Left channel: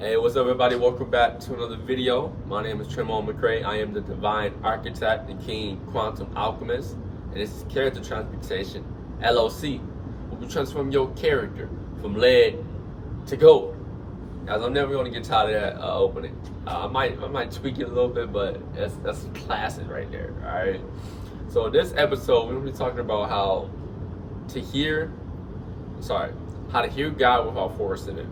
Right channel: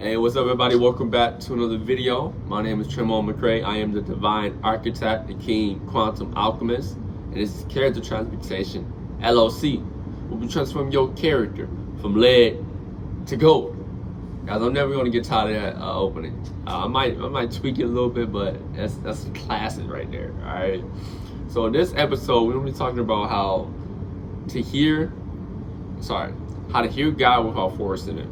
Hey, what's up, everybody? Welcome back to another video. My name is Tremont McCray. I am the Divine Architect, the King Quantum Alchemist, and this is Character Transmutation, LLC. We'll be transforming your character from lead to gold. Guys, I'm never gonna get tired of that opening. I might tweak it a little bit, but that's classic right there. All right. So in this episode, we're gonna be talking about how to hear God without forcing it.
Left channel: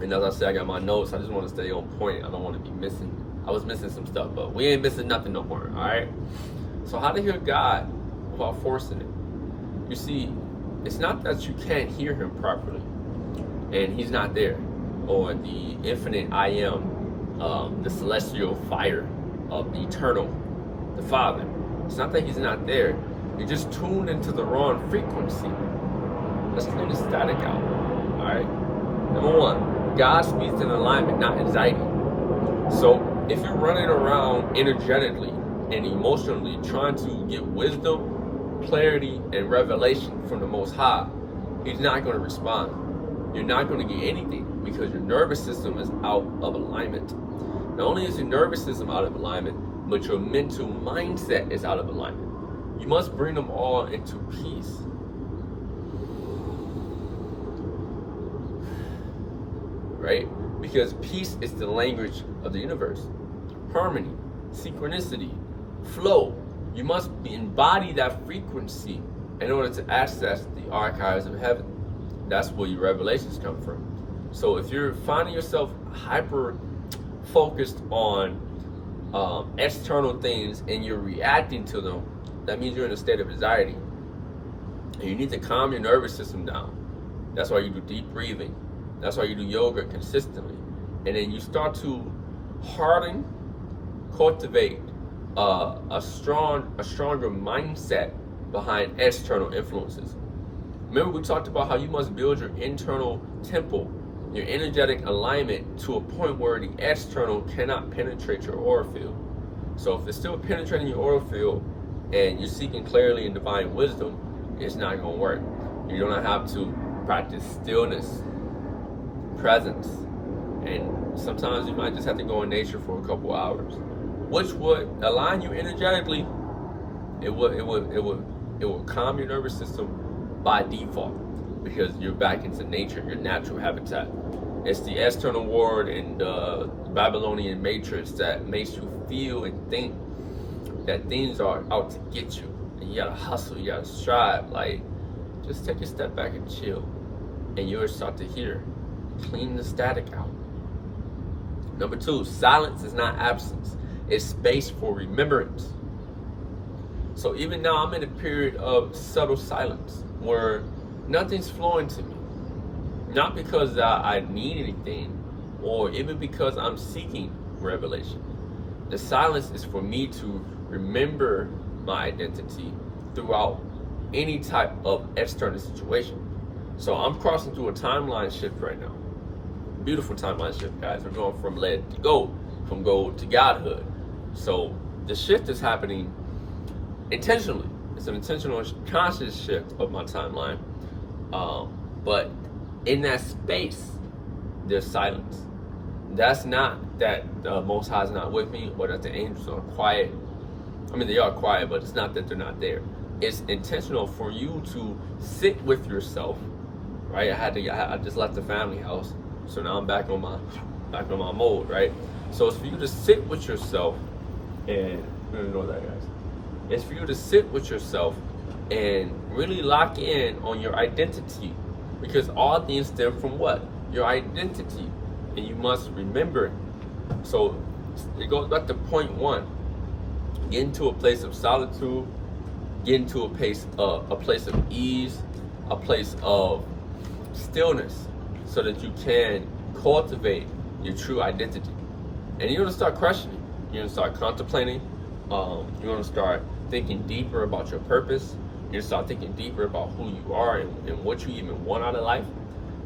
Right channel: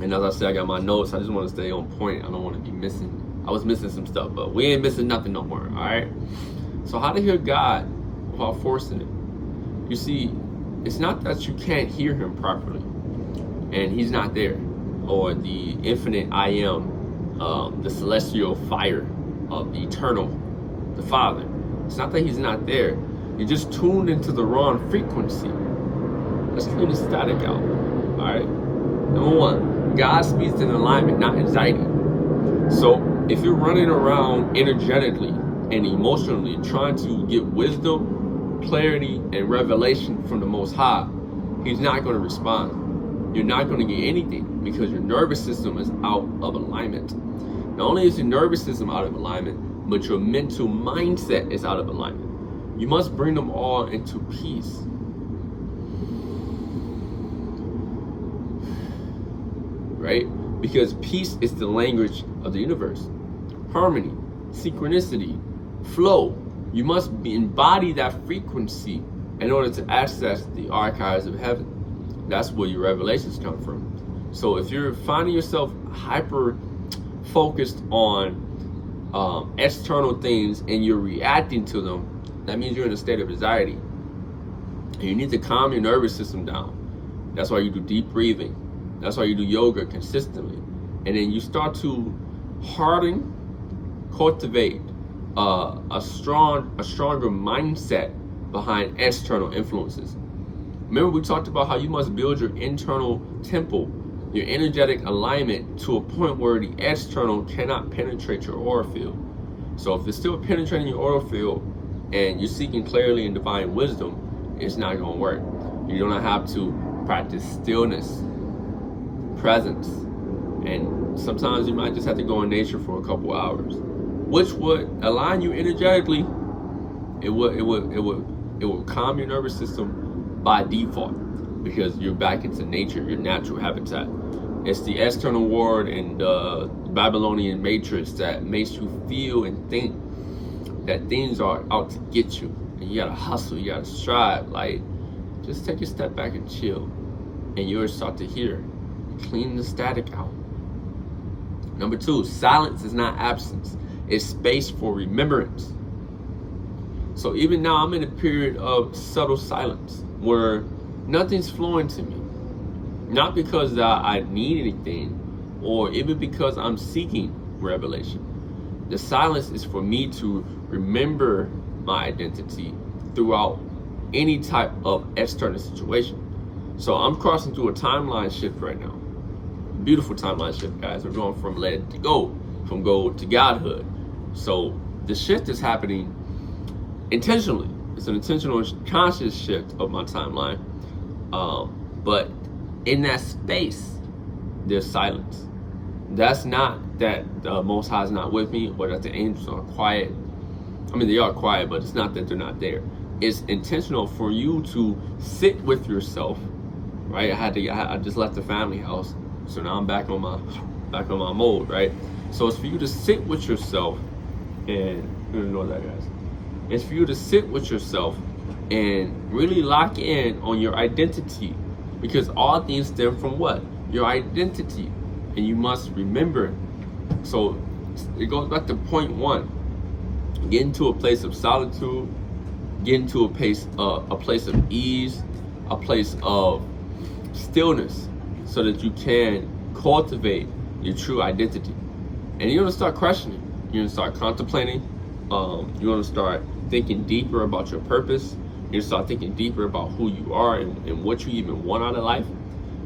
And as I said, I got my notes. I just want to stay on point. I don't want to be missing. I was missing some stuff, but we ain't missing nothing no more. All right. So how to hear God without forcing it? You see, it's not that you can't hear Him properly, and He's not there, or the infinite I am, the celestial fire of the eternal, the Father. It's not that He's not there. You just tuned into the wrong frequency. Let's clean the static out. All right. Number one. God speaks in alignment, not anxiety. So if you're running around energetically and emotionally trying to get wisdom, clarity, and revelation from the Most High, He's not going to respond. You're not going to get anything because your nervous system is out of alignment. Not only is your nervous system out of alignment, but your mental mindset is out of alignment. You must bring them all into peace. Right? Because peace is the language of the universe. Harmony, synchronicity, flow. You must embody that frequency in order to access the archives of heaven. That's where your revelations come from. So if you're finding yourself hyper focused on external things and you're reacting to them, that means you're in a state of anxiety. And you need to calm your nervous system down. That's why you do deep breathing. That's why you do yoga consistently. And then you start to harden, cultivate a stronger mindset behind external influences. Remember, we talked about how you must build your internal temple, your energetic alignment to a point where the external cannot penetrate your aura field. So if it's still penetrating your aura field and you're seeking clarity and divine wisdom, it's not going to work. You're going to have to practice stillness, presence, and sometimes you might just have to go in nature for a couple hours, which would align you energetically. It will calm your nervous system by default because you're back into nature, your natural habitat. It's the external world and the Babylonian matrix that makes you feel and think that things are out to get you, and you gotta hustle, you gotta strive. Like, just take a step back and chill, and you'll start to hear. Clean the static out. Number two, silence is not absence. It's space for remembrance. So even now, I'm in a period of subtle silence where nothing's flowing to me. Not because I need anything, or even because I'm seeking revelation. The silence is for me to remember my identity throughout any type of external situation. So I'm crossing through a timeline shift right now. Beautiful timeline shift, guys. We're going from lead to gold, from gold to godhood. So the shift is happening intentionally. It's an intentional, conscious shift of my timeline. But in that space, there's silence. That's not that the Most High is not with me, or that the angels are quiet. I mean, they are quiet, but it's not that they're not there. It's intentional for you to sit with yourself. Right? I just left the family house. So now I'm back on my mode, right? So it's for you to sit with yourself, and you ignore that, guys. It's for you to sit with yourself and really lock in on your identity, because all things stem from what? Your identity, and you must remember it. So it goes back to point one: get into a place of solitude, get into a place of ease, a place of stillness, so that you can cultivate your true identity. And you're gonna start questioning. You're gonna start contemplating. You're gonna start thinking deeper about your purpose. You're gonna start thinking deeper about who you are and what you even want out of life.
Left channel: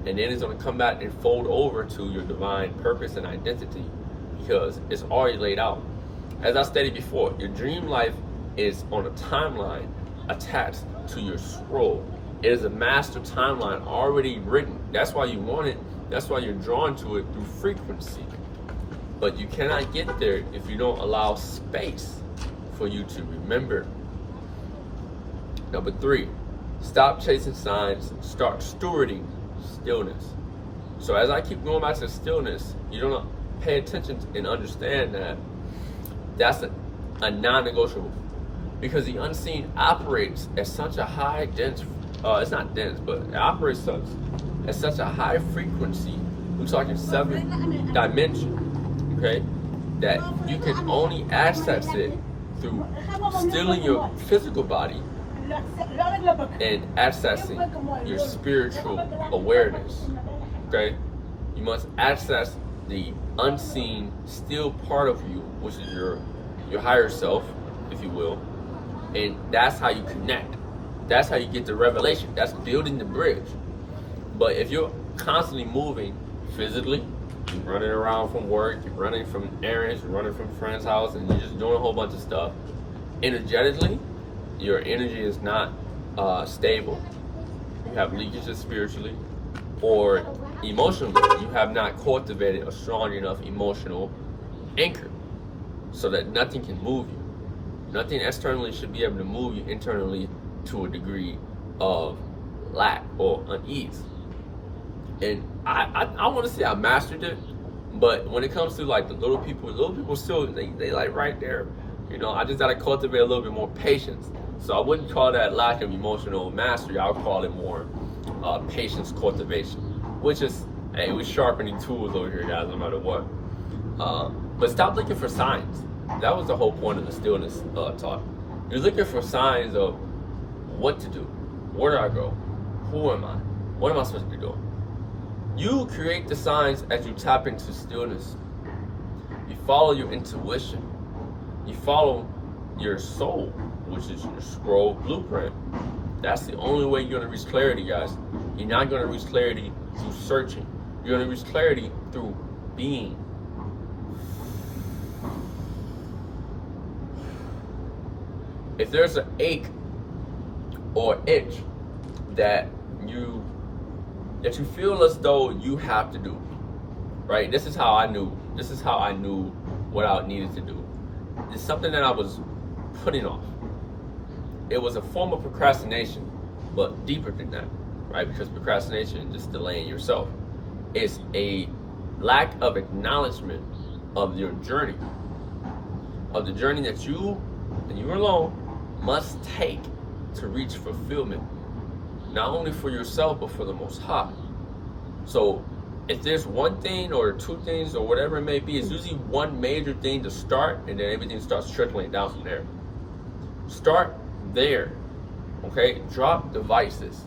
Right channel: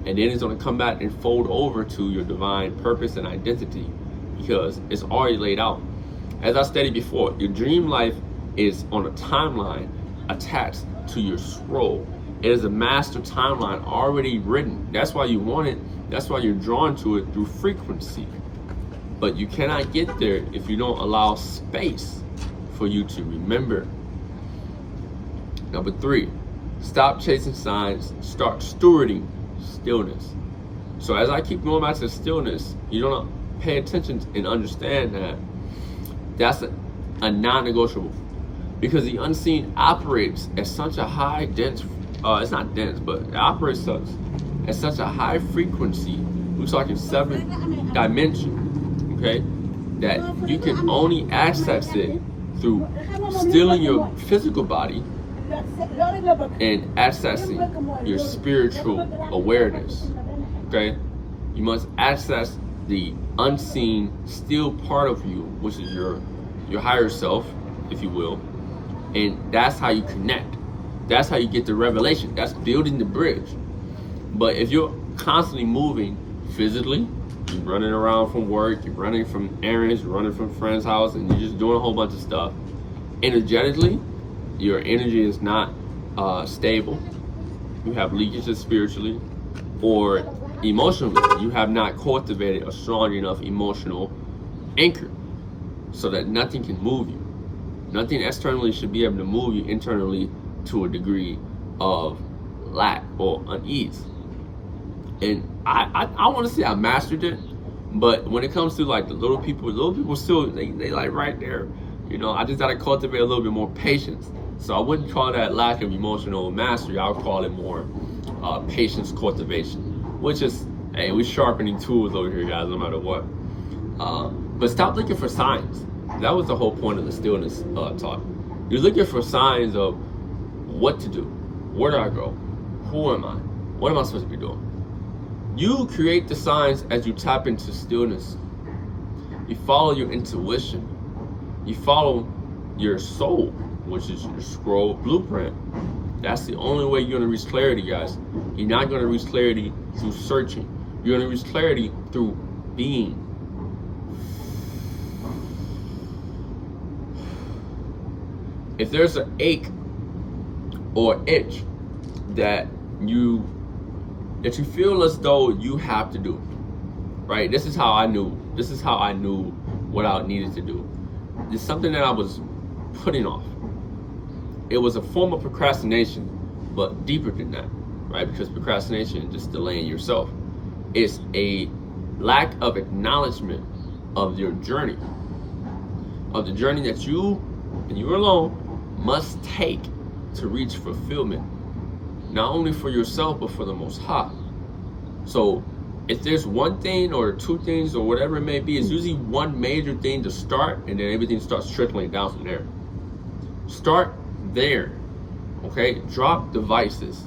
And then it's gonna come back and fold over to your divine purpose and identity, because it's already laid out. As I stated before, your dream life is on a timeline attached to your scroll. It is a master timeline already written. That's why you want it, That's why you're drawn to it through frequency. But you cannot get there if you don't allow space for you to remember. Number 3, stop chasing signs, start stewarding stillness. So as I keep going back to stillness, you don't pay attention and understand that that's a non-negotiable, because the unseen operates at such a high dense, it's not dense, but it operates at such a high frequency. We're talking 7th dimension, okay? That you can only access it through stilling your physical body and accessing your spiritual awareness, okay? You must access the unseen, still part of you, which is your higher self, if you will, and that's how you connect. That's how you get the revelation. That's building the bridge. But if you're constantly moving physically, you're running around from work, you're running from errands, you're running from friends' house, and you're just doing a whole bunch of stuff, energetically, your energy is not stable. You have leakages spiritually, or emotionally, you have not cultivated a strong enough emotional anchor so that nothing can move you. Nothing externally should be able to move you internally to a degree of lack or unease. And I want to say I mastered it, but when it comes to like the little people still, they like right there. You know, I just gotta cultivate a little bit more patience. So I wouldn't call that lack of emotional mastery. I'll call it more patience cultivation, which is, hey, we're sharpening tools over here, guys, no matter what. But stop looking for signs. That was the whole point of the stillness talk. You're looking for signs of what to do. Where do I go? Who am I? What am I supposed to be doing? You create the signs as you tap into stillness. You follow your intuition. You follow your soul, which is your scroll blueprint. That's the only way you're gonna reach clarity, guys. You're not gonna reach clarity through searching. You're gonna reach clarity through being. If there's an ache or itch that you feel as though you have to do, right? This is how I knew what I needed to do. It's something that I was putting off. It was a form of procrastination, but deeper than that, right? Because procrastination is just delaying yourself. It's a lack of acknowledgement of your journey, of the journey that you and you alone must take to reach fulfillment, not only for yourself, but for the Most High. So if there's one thing or two things or whatever it may be, it's usually one major thing to start, and then everything starts trickling down from there. Start there, okay? Drop the vices,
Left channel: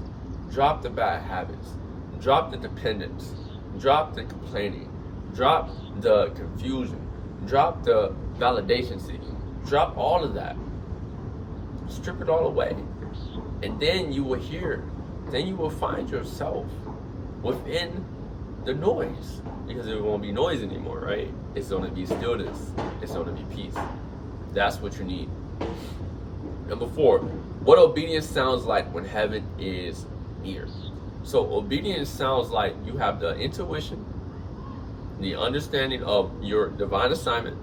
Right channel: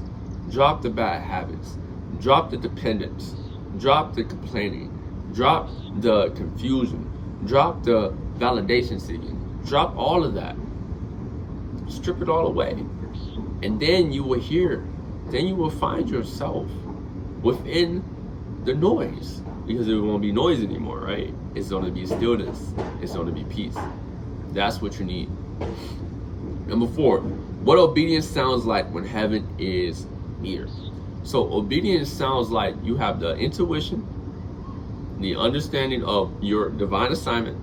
drop the bad habits, drop the dependence, drop the complaining, drop the confusion, drop the validation seeking, drop all of that. Strip it all away. And then you will find yourself within the noise, because it won't be noise anymore, right? It's going to be stillness. It's going to be peace. That's what you need. Number 4, what obedience sounds like when heaven is near. So obedience sounds like you have the intuition, the understanding of your divine assignment,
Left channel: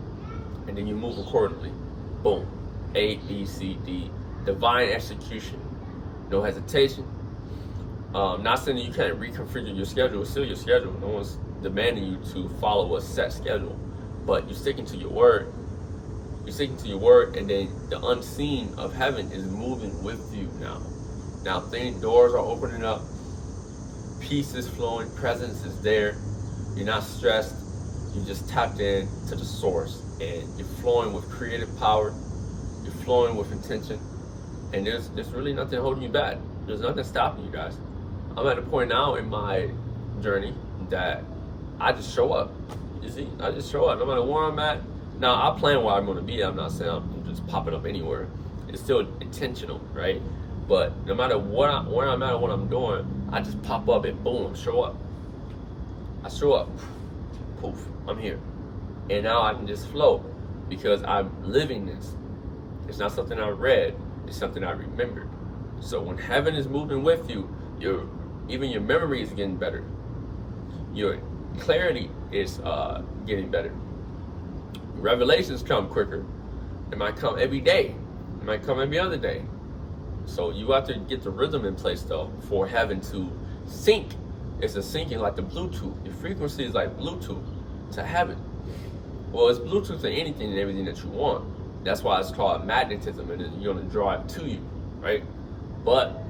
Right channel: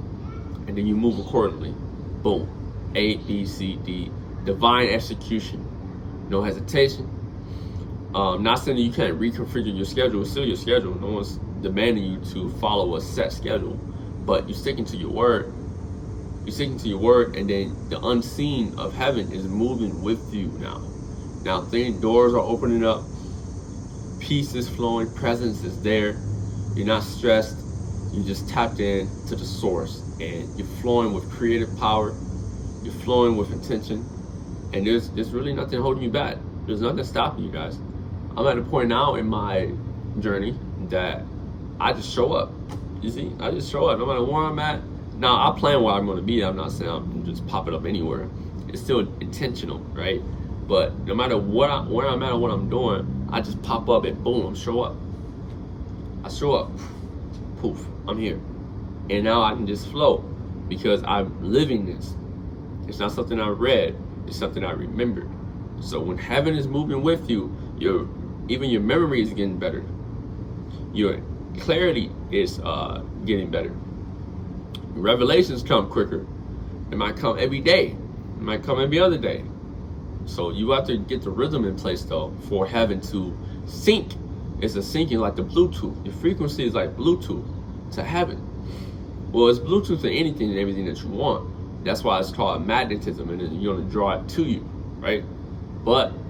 and then you move accordingly. Boom. A, B, C, D. Divine execution. No hesitation. Not saying that you can't reconfigure your schedule. It's still your schedule. No one's demanding you to follow a set schedule. But you're sticking to your word. You're sticking to your word, and then the unseen of heaven is moving with you now. Now, doors are opening up. Peace is flowing. Presence is there. You're not stressed. You just tapped in to the source, and you're flowing with creative power. You're flowing with intention, and there's really nothing holding you back. There's nothing stopping you, guys. I'm at a point now in my journey that I just show up. You see, I just show up no matter where I'm at. Now, I plan where I'm going to be. I'm not saying I'm just popping up anywhere. It's still intentional, right? But no matter where I'm at or what I'm doing, I just pop up and boom, show up. I show up. Poof, I'm here. And now I can just flow because I'm living this. It's not something I read. It's something I remembered. So when heaven is moving with you, even your memory is getting better. your clarity is getting better. Revelations come quicker. It might come every day. It might come every other day. So you have to get the rhythm in place though for heaven to sync. It's a syncing like the Bluetooth. Your frequency is like Bluetooth to heaven. Well, it's Bluetooth to anything and everything that you want. That's why it's called magnetism, and you're gonna draw it to you, right? But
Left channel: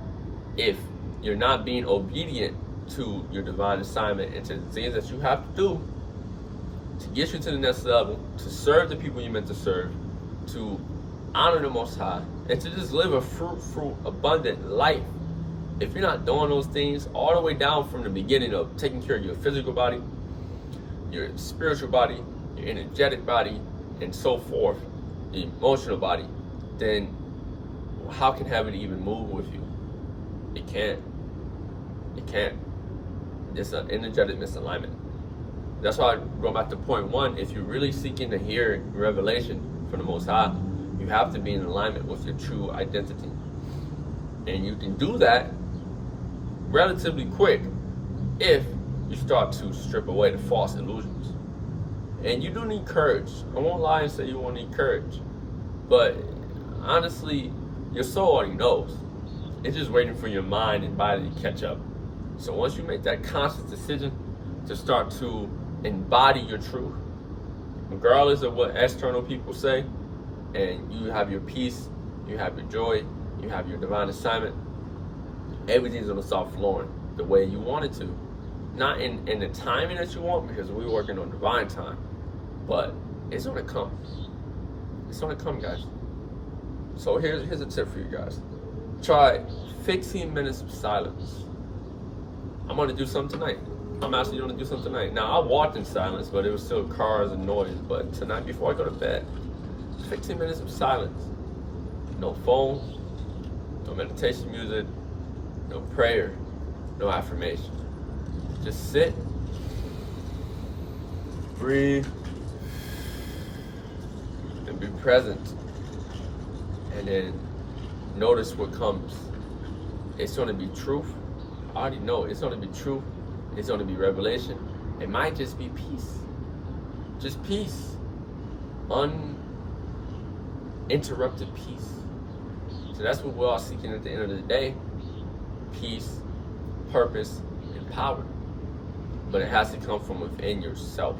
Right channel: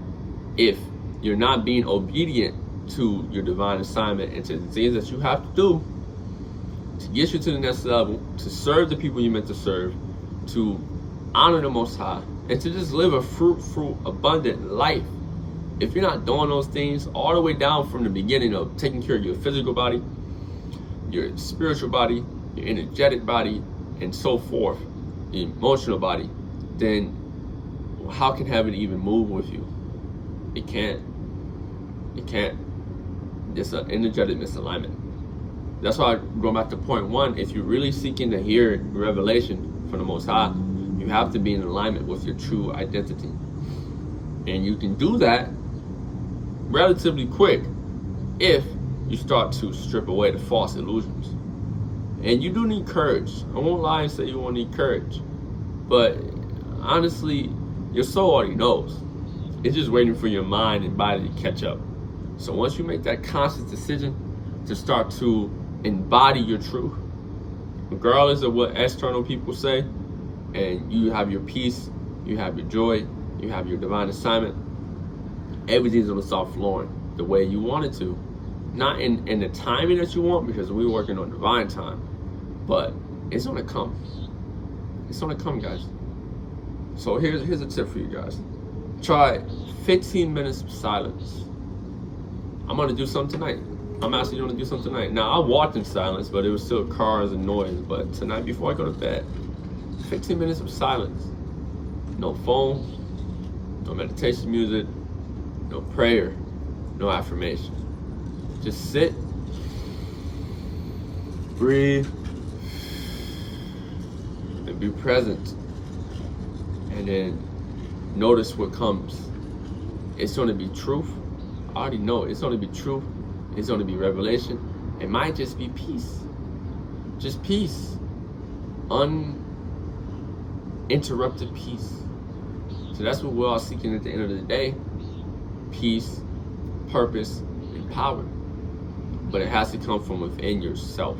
if you're not being obedient to your divine assignment and to the things that you have to do to get you to the next level, to serve the people you meant to serve, to honor the Most High, and to just live a fruitful, abundant life. If you're not doing those things all the way down from the beginning of taking care of your physical body, your spiritual body, your energetic body, and so forth, your emotional body, then how can heaven even move with you? It can't. It can't. It's an energetic misalignment. That's why I go back to point one. If you're really seeking to hear revelation from the Most High, you have to be in alignment with your true identity. And you can do that relatively quick if you start to strip away the false illusions. And you do need courage. I won't lie and say you won't need courage. But honestly, your soul already knows. It's just waiting for your mind and body to catch up. So once you make that conscious decision to start to embody your truth, regardless of what external people say, and you have your peace, you have your joy, you have your divine assignment, everything's gonna start flowing the way you want it to. Not in the timing that you want, because we're working on divine time, but it's gonna come. It's gonna come, guys. So here's a tip for you guys. Try 15 minutes of silence. I'm gonna do something tonight. I'm actually gonna do something tonight. Now, I walked in silence, but it was still cars and noise. But tonight, before I go to bed, 15 minutes of silence. No phone, no meditation music, no prayer, no affirmation. Just sit, breathe, and be present. And then notice what comes. It's gonna be truth. I already know it's gonna be truth. It's gonna be revelation. It might just be peace. Just peace. Uninterrupted peace. So that's what we're all seeking at the end of the day. Peace, purpose, and power. But it has to come from within yourself.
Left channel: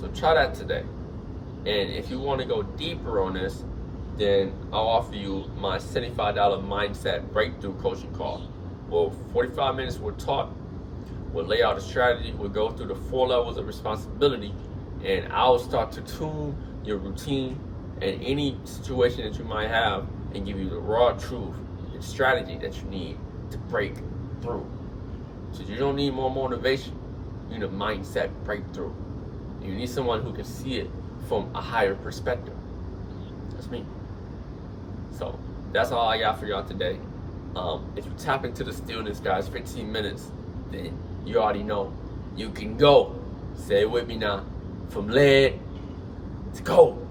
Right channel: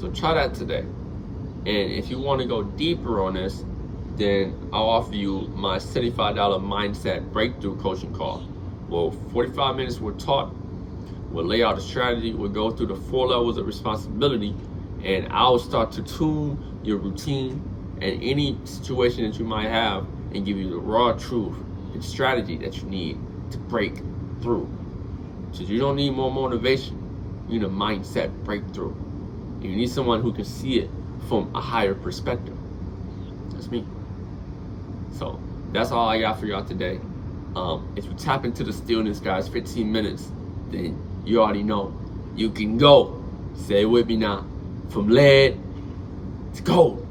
So try that today. And if you want to go deeper on this, then I'll offer you my $75 mindset breakthrough coaching call. Well, 45 minutes we're taught, we'll lay out a strategy, we'll go through the 4 levels of responsibility, and I'll start to tune your routine and any situation that you might have and give you the raw truth and strategy that you need to break through. So you don't need more motivation, you need a mindset breakthrough. And you need someone who can see it from a higher perspective. That's me. So that's all I got for y'all today. If you tap into the stillness, guys, 15 minutes, then you already know you can go. Say it with me now. From lead to gold.